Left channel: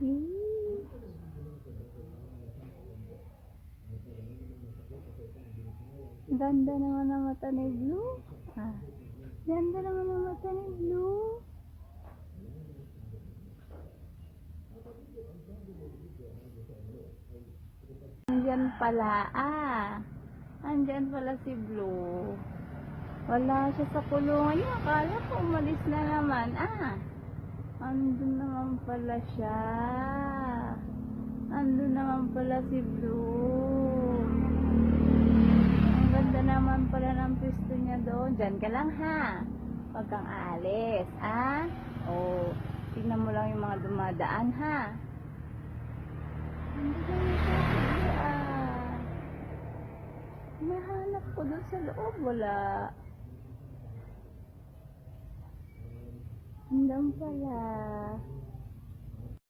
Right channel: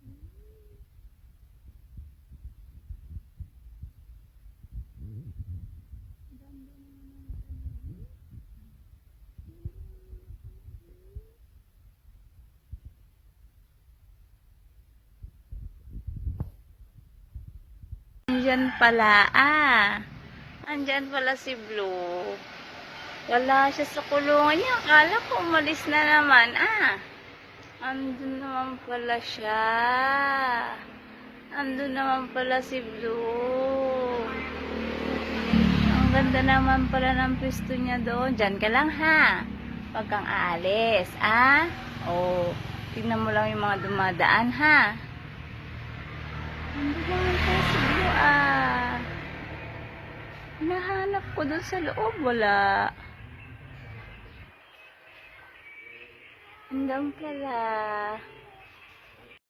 Ganda naman ang mata ni Blue. Ganda naman ang mata ni Blue. Andyan pala, andyan pala si Blue. Wala siya sa kulungan niya. Akala ko umalis na naman, andun naman pala siya. Andun naman pala si Blue. Ang ganda naman pala ng pwesto niya doon. Diyan ka lang, Huwag kang aalis, tignan mo lang yung mga dumadaan, Andun naman pala si Blue, Hinahanap ko doon sa loob, wala. Andun pala.